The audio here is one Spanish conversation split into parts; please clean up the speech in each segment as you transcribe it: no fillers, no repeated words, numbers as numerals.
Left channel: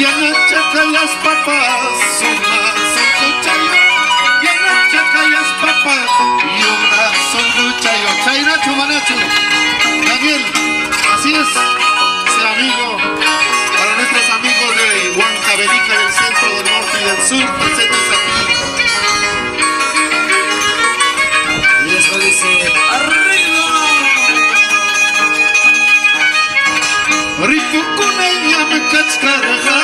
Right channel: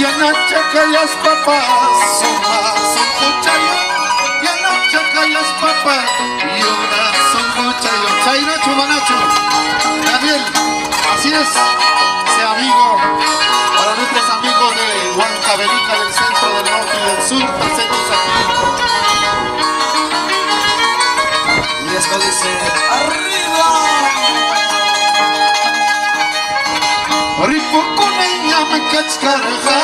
Yanachakayas papas, somas en cuchayo. Yanachakayas papas, y ahora son cuchayo. Chainacho, manacho. Daniel, así es, ese amigo, para nuestros amigos de Huancavelica, del centro, del norte y del sur, presentes aquí. Y esto dice, ¡arriba! Rico con ella me cachcarga,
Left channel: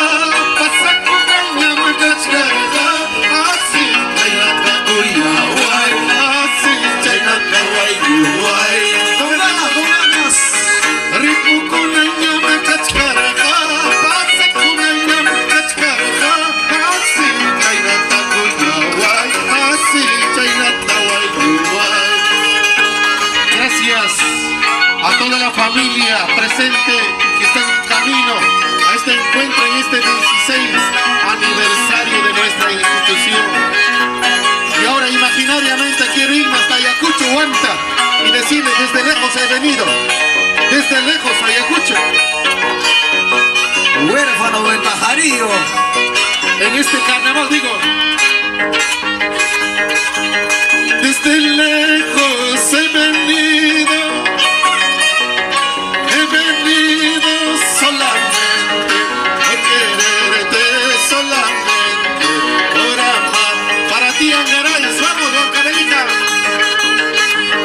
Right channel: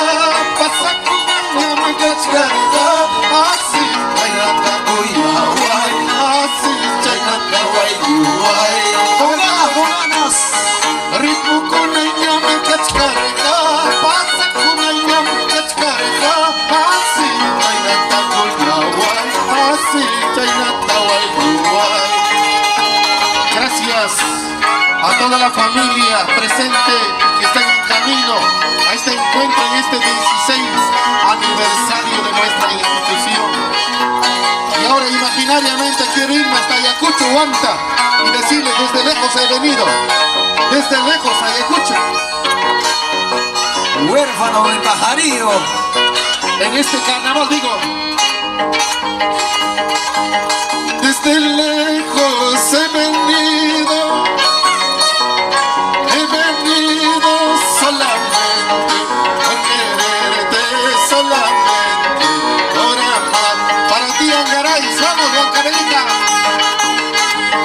pasa con ella me cachcarga, así chaynata guay, así chaynata guay. ¡Con ganas! Rico con ella me cachcarga, pasa con ella me cachcarga, así chaynata guay, así chaynata guay. Gracias a toda la familia presente que está en camino a este encuentro en este 16 aniversario de nuestra institución. Y ahora imaginariamente quiero irme hasta Ayacucho, Huanta, y decirle: desde lejos he venido, desde lejos Ayacucho. Huérfano del pajarillo. En este carnaval digo: desde lejos he venido solamente por quererte, solamente por amar. Para ti, Angaraes, vamos, Huancavelica.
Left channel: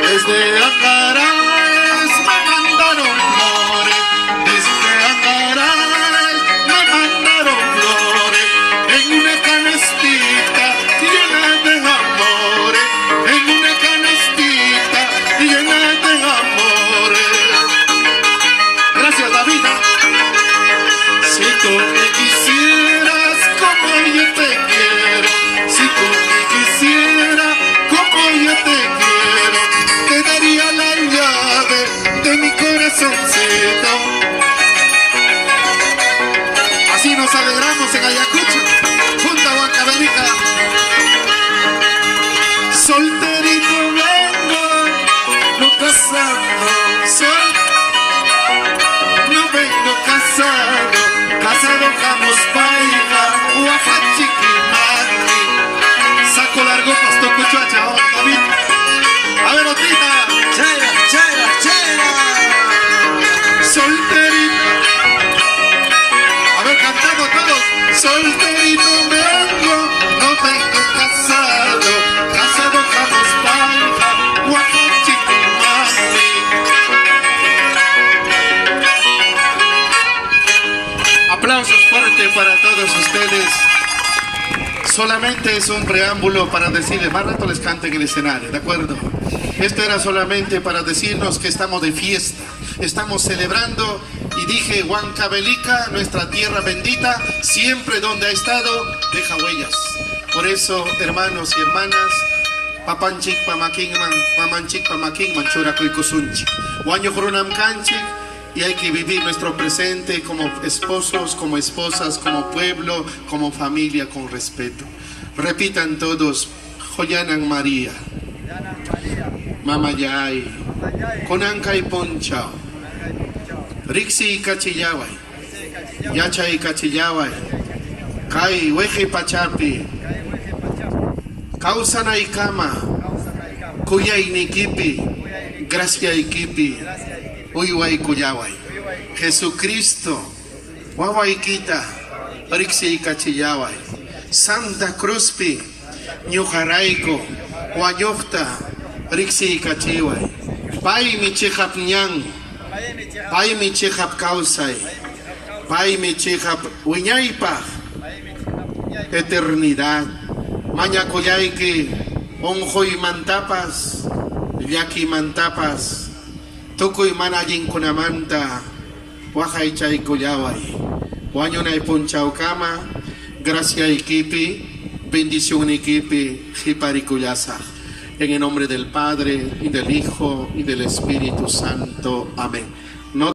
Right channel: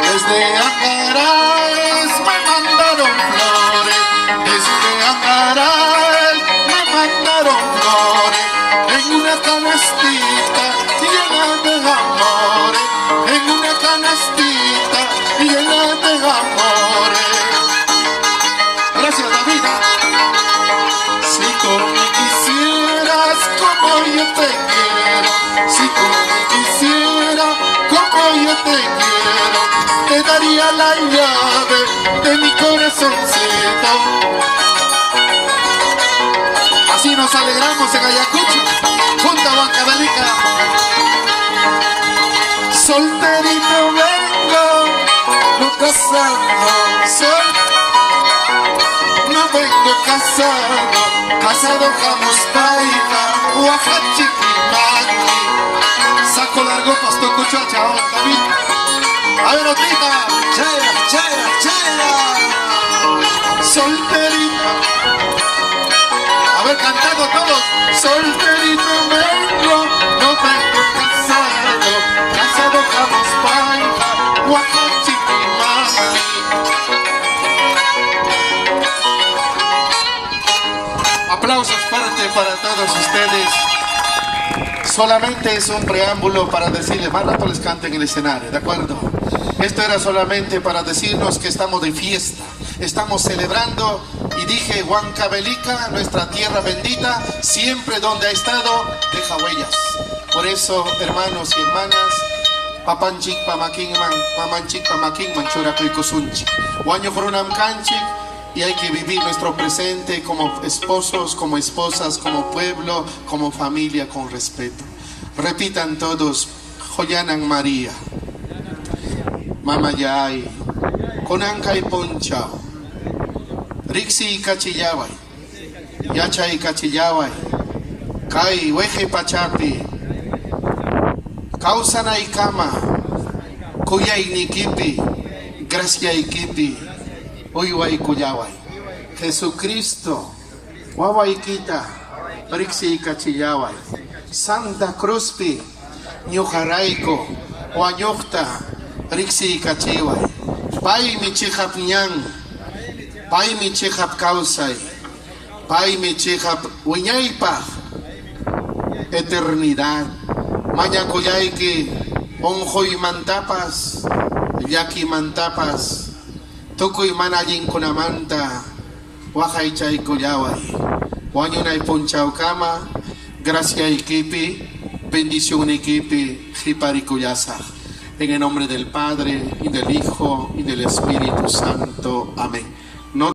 Desde Angaraes me mandaron flores, desde Angaraes me mandaron flores, en una canastita llena de amores, en una canastita llena de amores. Gracias, David. Si tú me quisieras como yo te quiero, si tú me quisieras como yo te quiero, te daría la llave de mi corazoncito. Así nos alegramos en Ayacucho, junto a Huancavelica. Solterito vengo, no casado, no vengo casado, casado jamos paiga, Oaxachiquimaqui. Saco largo, pasto cuchacha, David. A ver, otrita. Chera, chera, chera. Solterito. A ver, cantando todos. Solterito vengo, no vengo casado, casado jamos paiga, Oaxachiquimaqui. Aplausos fuertes para todos ustedes. Solamente es un preámbulo para decirles, más rato les cante en el escenario, ¿de acuerdo? Esto era solamente para decirnos que estamos de fiesta, estamos celebrando, y dije: Huancavelica, nuestra tierra bendita, siempre donde ha estado, deja huellas. Por eso, hermanos y hermanas, papanchik pamakinman, mamanchik pamakinman, churakuikusunchik, huaño jurunam kanchik. Y hay que vivir nuestro presente como esposos, como esposas, como pueblo, como familia, con respeto. Repitan todos: Joyanan María, Mamayay, Konankay Ponchao, Rixi Kachillaway, Yachay Kachillaway, Kai Weje Pachapi, Kausana Ikama, Kuyay Nikipi, Gracia Ikipi, Uyuay Kuyaway, Jesucristo, Wawaikita, Rixi Kachillaway, Santa Cruzpi, Ñujaraico, Huayofta, Rixi Kachiway, Pai Michihap Ñan, Pai Michihap Kausay, Pai Michihap Uñaypa, eternidad, Mañacoyayque, Onjoy Mantapas, Yaki Mantapas, Tukuy Manallin Kunamanta, Wajaychay Kuyaway, Wañonay Punchaucama, Gracia Iquipi, bendición Iquipi, Jiparicuyasa. En el nombre del Padre, y del Hijo, y del Espíritu Santo. Amén.